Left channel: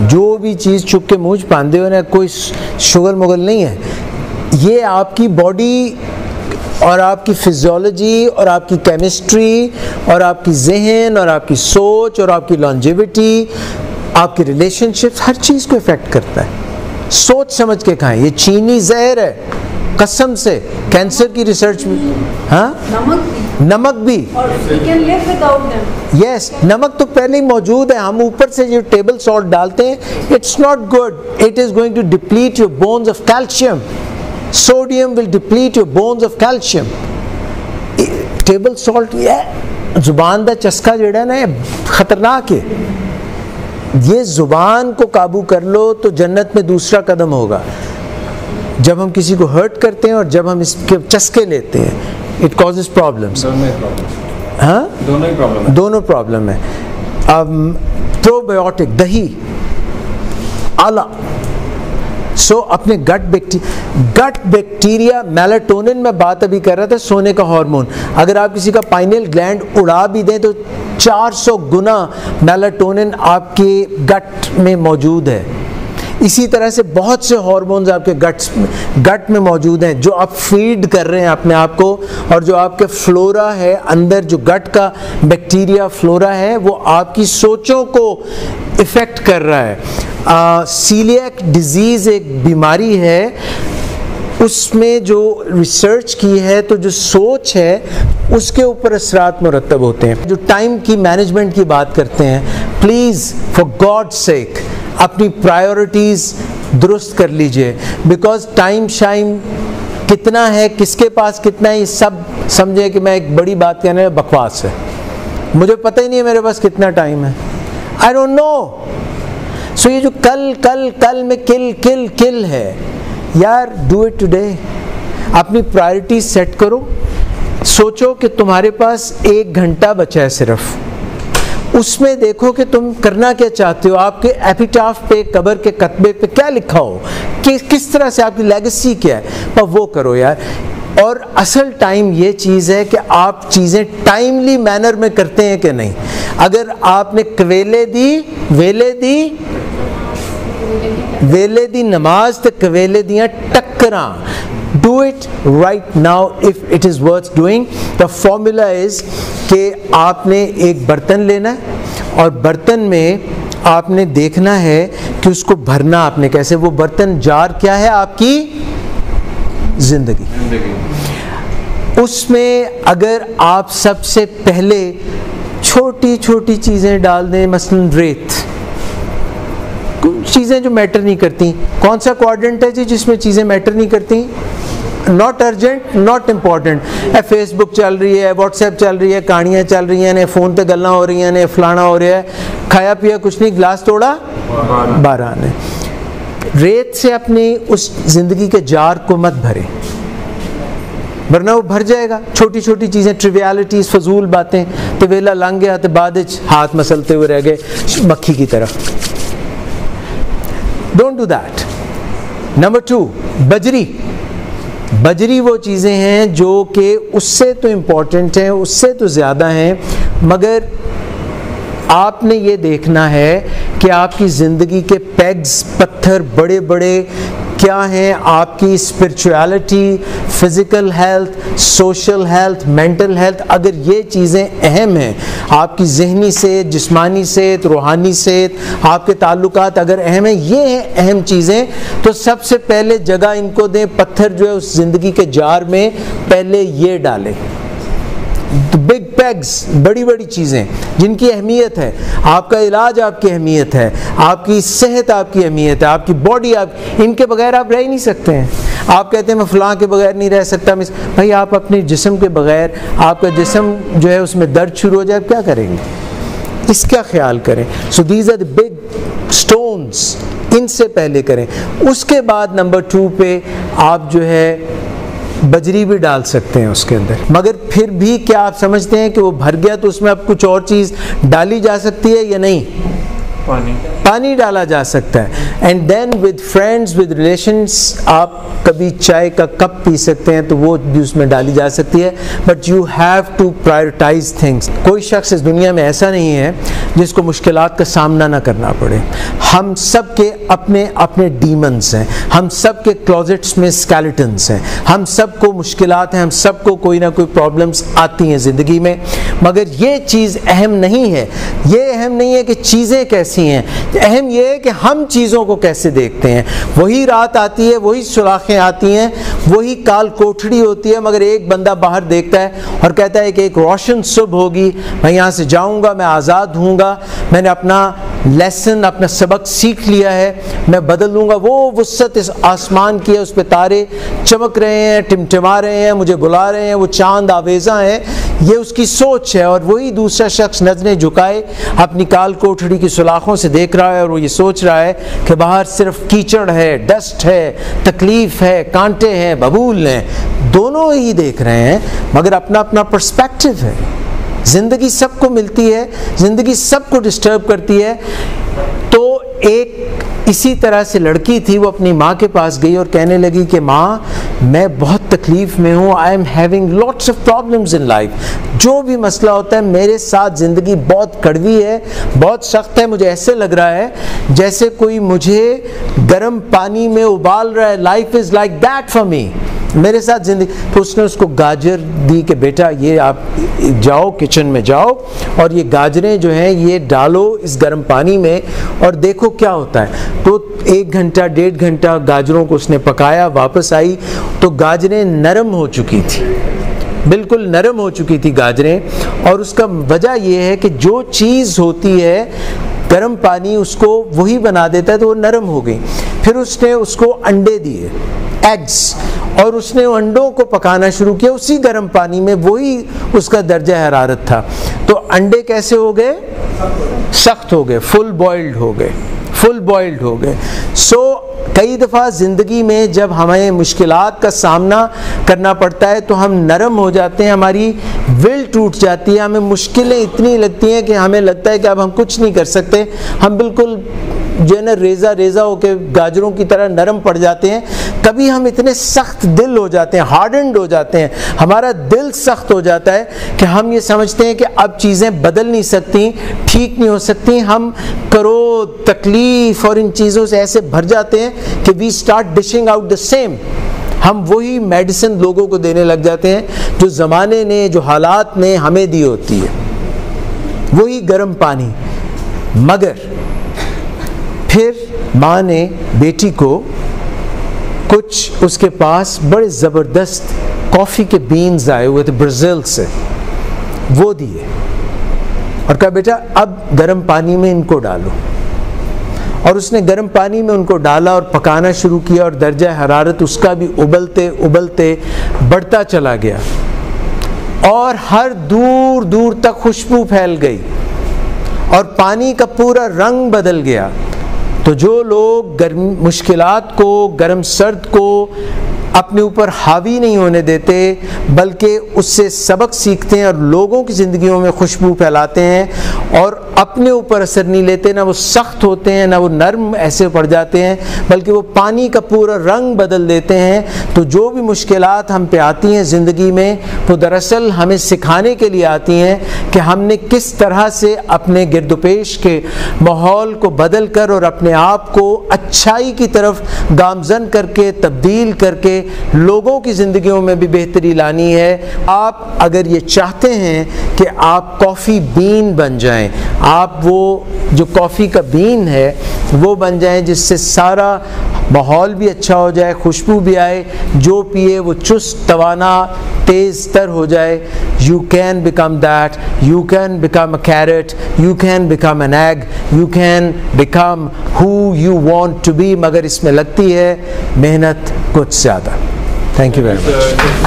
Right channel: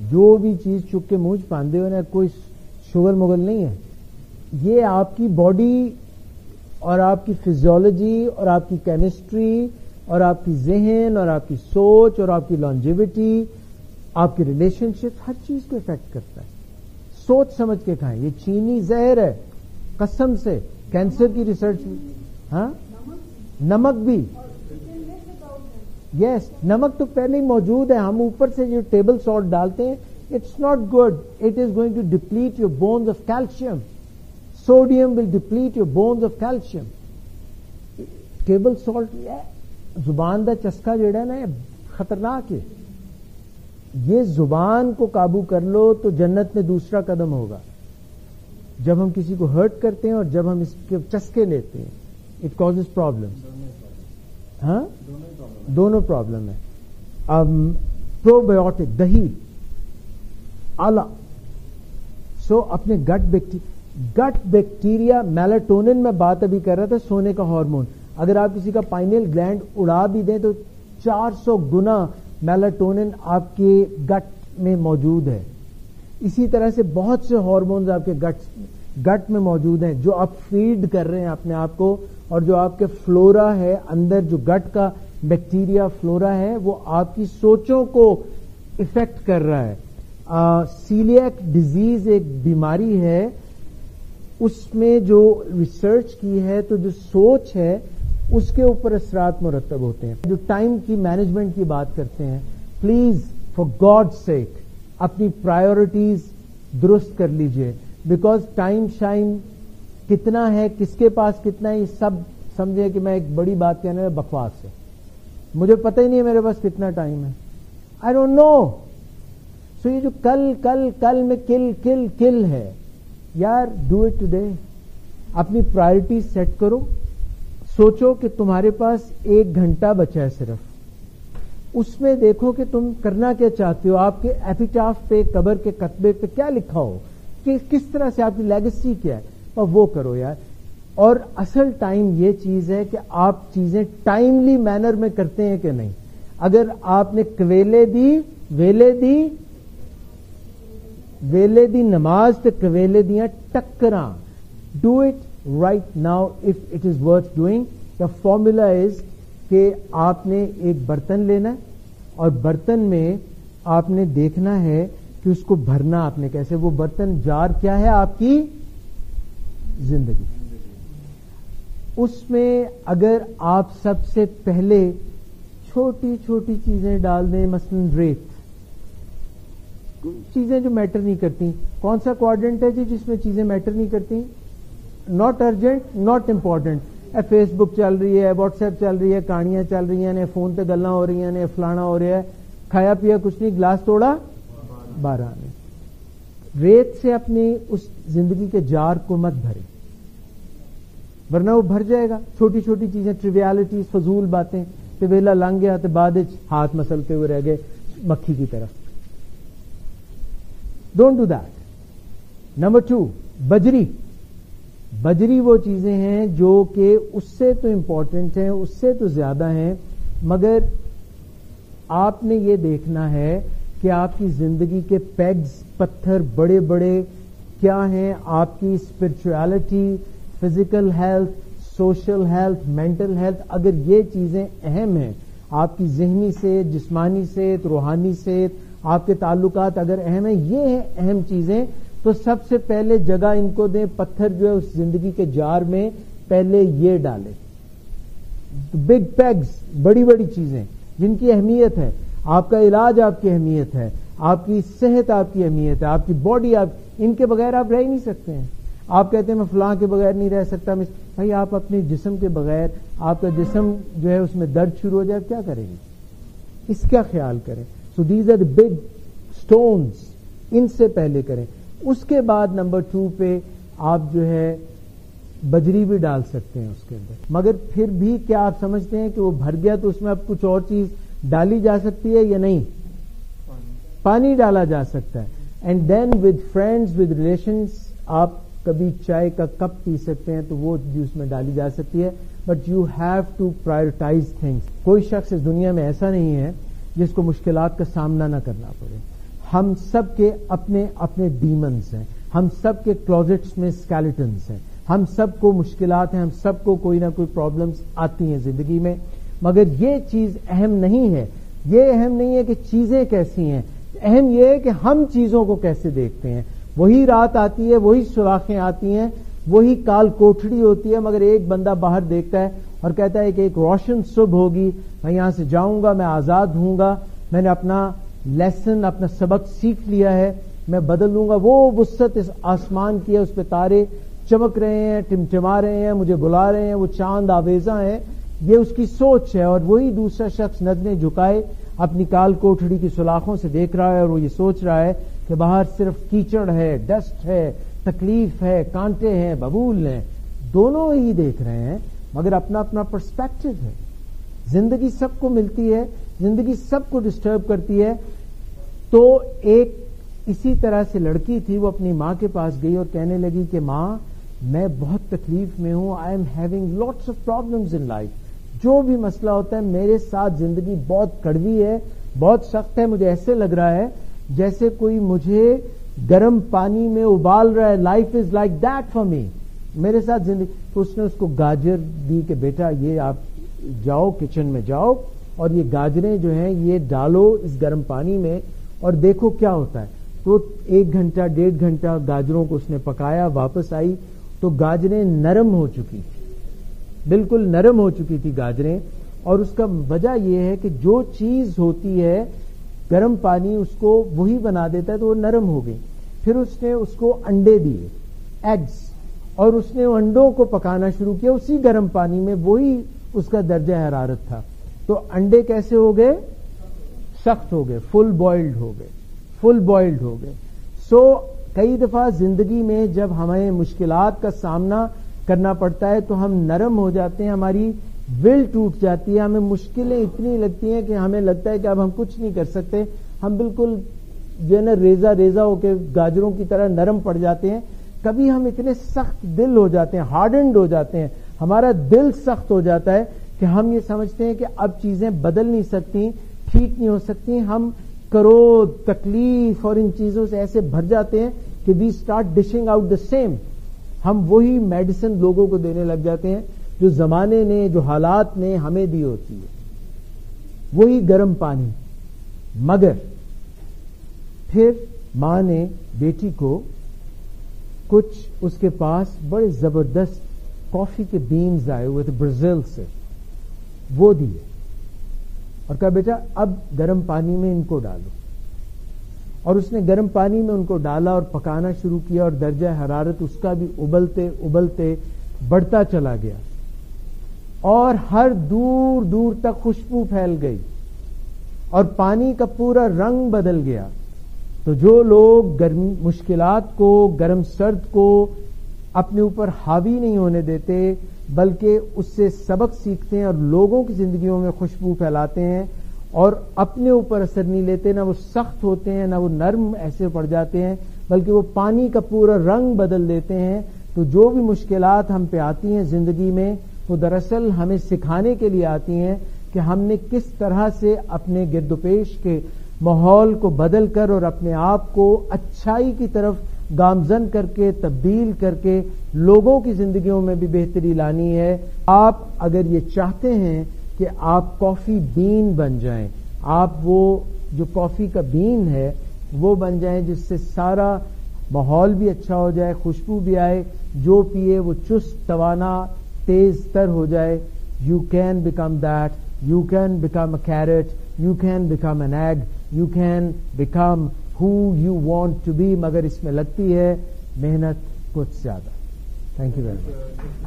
جو بھی چیز چک کے منہ پاندے ہو نا کوئی شغل مغل نہیں ہے. یہ آپ کی باڈی اور آپ کی فزیولوجی اور آپ کی کیمسٹری اور آپ کی ذہن اور آپ کی سوچ اور آپ کی لانجیوٹی، آپ کی ریلیشن شپس، ہر چیز کو افیکٹ کرتا ہے. سوچ سمجھ کے کھائیں. یہ چینی زہر ہے قسم سے. کینسر کی ریسرچ میں ہاں نمک بھی یس نمک تو پہلے ہی موجود ہے. ہم اوپر سے جو ٹیبل سالٹ ڈالتے ہیں it's not good. It is going to deplete your bones of calcium. Sodium will deplete your bones of calcium. Table salt یہ زبان دا چسکا جڑا ہے نا خطرناک ہے. یہ زبان کو قابو کر لو تو جنت میں دوسرا قدم ہوگا. جب ہم کسی کو ہرٹ کرتے ہیں اور جب ہم اس کے چسکے لیتے ہیں it causes problems. ہاں دونوں پرابلم ہے. پروبیوٹک دہی اعلیٰ. سو اپنے گٹ بیکٹیریا میلاٹونن میں بات ابھی کر رہا تھا سونے کا ہارمون. اگر آپ کسی کا پائنل گلینڈ اڑا بھی دیں تو 400 گنا میلاٹونن آپ کے گٹ میں موجود ہے. اسی طرح سے بہت سے ہارمونز آپ کے گٹ میں موجود ہیں جو آپ فیڈ کر رہے ہیں اپنے آپ کو, اور جو آپ کے فلورا ہے اندر, جو گٹ کا بیکٹیریا فلورا ہے وہ آپ کی سوچوں کو افیکٹ کر رہا ہے. سیلیاک ڈیزیز ایک بیماری ہے, اس میں جو ریسرچ کی ہے تو جو سوچ ہے اس کے اوپر اثرات مرتب ہوتے ہیں. جو ٹائم کی مینجمنٹ کی بات کرتے ہیں, پلیز فار گاڈ سیک اپنی پرائیورٹیز درست کر لیجئے, بیکاز ٹائم شائم کتنا ہے, کس کے پاس کتنا ہے, یہ سب سمجھے کہ میں ایک بڑی بات کہنے بکواس ہے. مجھے پتہ ہی نہیں ہے میرے پاس کتنا ٹائم ہے. I don't know. سو یہ جو کل میں کل ہے یار, ڈو اٹ ٹوڈے. اپنی پرائرٹی سیٹ کرو. سوچو کہ تمہارے پاس 1 گھنٹہ بچا ہے صرف, اس میں دیکھو کہ تم کرنا کیا چاہتے ہو, آپ کے ایپیٹاف پہ, قبر کے کتبے پہ کیا لکھا ہو, کہ کس طرح سے آپ کی لیگیسی کیا ہے, پر وہ کرو یار. اور اصل ٹائم یہ چیز ہے کہ آپ چیزیں ٹائملی مینر میں کرتے ہیں کہ نہیں. اگر آپ نے ویلے دی نماز تے کویلے دیاں ٹکراں, do it right now if it is worth doing. The formula is کہ آپ نے ایک برتن لینا ہے اور برتن میں آپ نے دیکھنا ہے کہ اس کو بھرنا آپ نے کیسے. وہ برتن جار کیا ہے, آپ کی زندگی. اس میں اگر آپ سب سے پہلے چھوٹی چھوٹی چیزیں ڈال دیں, مثلاً ریت, چیزیں جو میٹر نہیں کرتی. کون سا کوارڈنٹ ہے جی جس میں چیزیں میٹر نہیں کرتی؟ Not urgent, not important. Facebook چل رہی ہے, واٹس ایپ چل رہی ہے, کہانیاں چل رہی ہیں, فون پہ گلاں ہو رہی ہیں, فلانا ہو رہا ہے, کھایا پیا کچھ نہیں, گلاس توڑا باران ہے. ریت سے اپنی اس زندگی کے جار کو مت بھرے, ورنہ وہ بھر جائے گا. چھوٹی چھوٹی چیزیں, ٹریویالٹیز, فضول باتیں. تو ویلا لنگ گیا تو بعد ہاتھ مسلتے ہوئے رہ گئے مکھی کی طرح. Don't do that. نمبر 2, بجری وہ چیزیں ہیں جو کہ اس سے تو امپورٹنٹ ہیں, اس سے تو زیادہ ہیں, مگر آپ نے یہ دیکھنا ہے کہ آپ کی زندگی کے پیگز, پتھر بڑے بڑے کیا ہیں. آپ کی spirituality, physical health, social health, mental health, اگر یہ چیزیں اہم ہیں, آپ کی ذہنی صحت, جسمانی صحت, روحانی صحت, آپ کے تعلقات اگر اہم ہیں, یہ ہیں اہم چیزیں, تو سب سے پہلے جگہ ان کو دیں. پتھر جو ہے اس زندگی کے جار میں پہلے یہ ڈالیں. بگ پیگز, بڑی بڑی چیزیں جن کی اہمیت ہے. آپ کا علاج آپ کی اہمیت ہے, آپ کی صحت آپ کی اہمیت ہے, آپ کی باڈی, ان کے بغیر آپ رہ ہی نہیں سکتے ہیں. آپ کہتے ہیں میں فلاں کے بغیر نہیں رہ سکتا. بھائی آپ اپنے جسم کے بغیر, آپ کا جسم جو ہے اس میں درد شروع ہو جائے, آپ کیا کریں گے؟ اس کا خیال کریں. So these are the big stones, ان سے پہلے کریں. اس کے بعد نمبر 2 پہ آپ جو ہے بجری بھی ڈال سکتے ہیں اس کے اندر. مگر پھر بھی کیا آپ سمجھتے ہیں کہ وہ بھر گیا تو اس میں اب کچھ اور چیز ڈالی جا سکتی ہے یا نہیں؟ پانی ڈالا جا سکتا ہے. And then with friends with relations آپ کبھی چائے کا کپ پی سکتے ہیں تو وہ بھی اس میں ڈالی جا سکتی ہے, but you have to prioritize things. کوئی شخص اس دنیا میں ایسا نہیں ہے جس کو مشکلات کا سامنا نہ کرنا پڑے. ہم سب کے اپنے اپنے ڈیمنز ہیں, ہم سب کے کلوزٹس میں اسکیلیٹنس ہیں, ہم سب کو مشکلات ہیں, ہم سب کو کوئی نہ کوئی پرابلمس آتی ہیں زندگی میں. مگر یہ چیز اہم نہیں ہے, یہ اہم نہیں ہے کہ چیزیں کیسی ہیں, اہم یہ ہے کہ ہم چیزوں کو کیسے دیکھتے ہیں. وہی رات آتی ہے, وہی سوراخیں آتی ہیں, وہی کال کوٹھڑی ہوتی ہے, مگر ایک بندہ باہر دیکھتا ہے اور کہتا ہے کہ ایک روشن صبح ہوگی, میں یہاں سے جاؤں گا, میں آزاد ہوں گا, میں نے اپنا لیسن, اپنا سبق سیکھ لیا ہے, میں بدل لوں گا. وہ وسعت اس آسمان کی ہے, اس پہ تارے چمک رہے ہیں, ٹمٹما رہے ہیں, مجھے بلا رہے ہیں, وہ چاند آویزاں ہیں, یہ اس کی سوچ ہے. اور وہی دوسرا شخص نظریں جھکائے اپنی کال کوٹھڑی کی سلاخوں سے دیکھ رہا ہے اور وہ یہ سوچ رہا ہے کہ باہر صرف کیچڑ ہے, ڈسٹ ہے, تکلیف ہے, کانٹے ہیں, ببول ہیں. دونوں ہی دیکھ رہے ہیں مگر اپنا اپنا پرسپیکٹو ہے. زندگی سب کو ملتی ہے, زندگی سب کو ڈسٹرب کرتی ہے. تو ایک اسی طرح سے لڑکی تھی, وہ اپنی ماں کے پاس گئی اور کہنے لگی کہ ماں میں بہت تکلیف میں ہوں, I am having lots of problems in life. جو بھی مسئلہ ہوتا ہے میرے ساتھ زندگی بہت کڑوی ہے, بہت سخت ہے, مجھے ایسے لگ رہا ہے جیسے کوئی مجھے گرم پانی میں ابال رہا ہے. Life is like that for me, میرے ساتھ زندگی. تو اس نے اس کو گاجر دی کہ بیٹا یہ آپ جاؤ کچن میں جاؤ اور یہ گاجریں جو ہیں یہ ڈالو اس گرم پانی میں اور دیکھو کیا ہوتا ہے. تو 1 گھنٹہ 1.5 گھنٹہ گاجروں کو اس نے پکایا, واپس آئی تو گاجریں نرم ہو چکی تھی, بالکل نرم ہو چکی تھی گاجریں. اور اس کا وجہ یہ ہے کہ جو چیز ہوتی ہے گرم پانی اس کو وہی بنا دیتا ہے, تو وہ نرم ہو گئی. پھر اس نے اس کو انڈے دیے, ایگز, اور اس نے انڈوں کو پکانا شروع کیا اسی گرم پانی میں, وہی اس کا درجہ حرارت تھا. تو انڈے کیسے ہو گئے؟ سخت ہو گئے, فل بوائلڈ ہو گئے, فل بوائلڈ ہو گئے. سو کئی دفعہ زندگی میں جب ہمیں مشکلات کا سامنا کرنا پڑتا ہے تو ہم نرم ہو جاتے ہیں, ہماری ول ٹوٹ جاتی ہے, ہمیں مشکلیں اتنی لگتی ہیں کہ ہمیں لگتا ہے کہ اب ہم کچھ نہیں کر سکتے, ہم بالکل جو ہے نا ریزہ ہو کے گاجروں کی طرح نرم پڑ جاتے ہیں. کبھی ہم اتنے سخت دل ہو جاتے ہیں, ہارڈنڈ ہو جاتے ہیں, ہمارا دل سخت ہو جاتا ہے کہ ہم یہ سمجھتے ہیں کہ اب چیزیں بدل نہیں سکتی, ٹھیک نہیں ہو سکتی. ہم کرو تکلیف اور ان چیزوں سے ایسے بھر جاتے ہیں کہ we start dishing out the same. ہم وہی میڈیسن لوگوں کو دینے لگ جاتے ہیں جو زمانے نے, جو حالات نے ہمیں دی ہوتی ہے, وہی گرم پانی. مگر پھر ماں نے بیٹی کو کچھ اس کے پاس بڑے زبردست کافی کے بینز آئے ہوئے تھے برازیل سے, وہ دیے اور کہا بیٹا اب گرم پانی میں ان کو ڈالو. اور اس نے گرم پانی میں ان کو ڈالا اور پکانا شروع کیا اور درجہ حرارت اس کا بھی ابلتے ابلتے بڑھتا چلا گیا اور ہر دور دور تک خوشبو پھیل گئی اور پانی کا پورا رنگ بدل گیا. تو جو لوگ مشکلات کو, گرم سرد کو اپنے اوپر حاوی نہیں ہونے دیتے بلکہ اس سے سبق سیکھتے ہیں اور لوگوں کی زندگیوں میں خوشبو پھیلاتے ہیں اور اپنے اوپر اثر نہیں لیتے, نہ وہ سخت ہوتے ہیں نہ وہ نرم ایسے پڑ جاتے ہیں بلکہ وہ پانی کا پورا رنگ بدل دیتے ہیں. تو جو بھی مشکلات ہم پہ آتی ہیں زندگی میں وہ دراصل ہمیں سکھانے کے لیے آتی ہیں کہ ہم نے کس طرح سے اپنے گرد و پیش کے ماحول کو بدل کر اور اپنے آپ کو اچھائی کی طرف گامزن کر کے, تبدیل کر کے لوگوں کی زندگیوں میں بھی بہتری لانی ہے. آپ اگر یہ چاہتے ہیں کہ آپ کافی بین بن جائیں, آپ وہ جو کافی کا بین ہے وہ بن جائیں جس سے سارا ماحول بھی اچھا ہو جائے, خوشبو بھی آئے, جو پیے وہ چست توانا تیز تر ہو جائے, you can become that, you can become a carrot, you can become an egg, you can become who you want to be. مگر اس میں لگتی ہے محنت کچھ زیادہ. Thank you very much.